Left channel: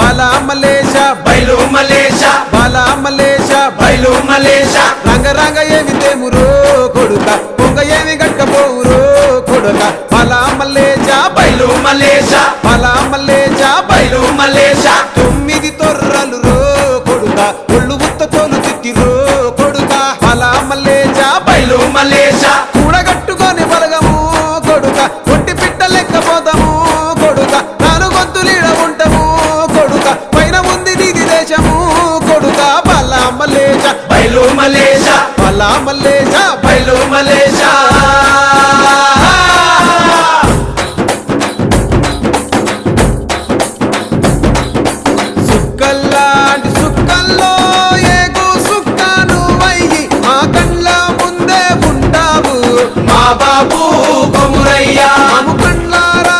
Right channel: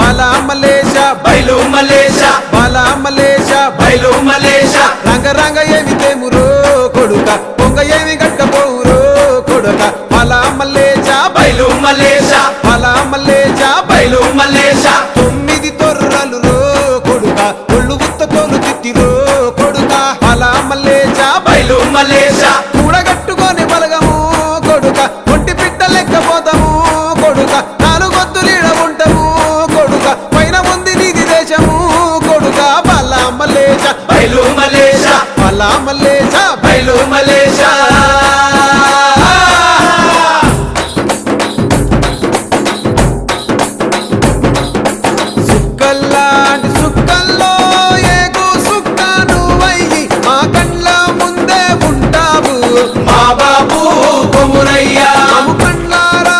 బాలా మలేష బయలు మలేష బాలా మలేష బయలు మలేష రంగ రంగ ఏమి తేమురో కొడుక పొంగ ఏమి గట్టపోవురో కొడుక బాలా మలేష బయలు మలేష బాలా మలేష బయలు మలేష 9 తొర్రలు రో కొడుక ఒళ్ళు ఉత్త తోలు చిట్టిరో కొడుక బాలా మలేష బయలు మలేష కూడగట్టుకొని బలగము కొడుక ఒంటి పిట్ట లెక్కపోతాము కొడుక 4 గొంతులీడ ఉంటాము కొడుక పైన ఉంది నీది దేశము కొడుక బాలా మలేష బయలు మలేష బాలా మలేష బయలు మలేష సుక్కల్లాంటి సుక్కల్లో ఏగు సుక్క నువ్వయ్యి మా కండ్ల ముందే ఉంటావు మా బాబు కొమురయ్య మము కండ్లారా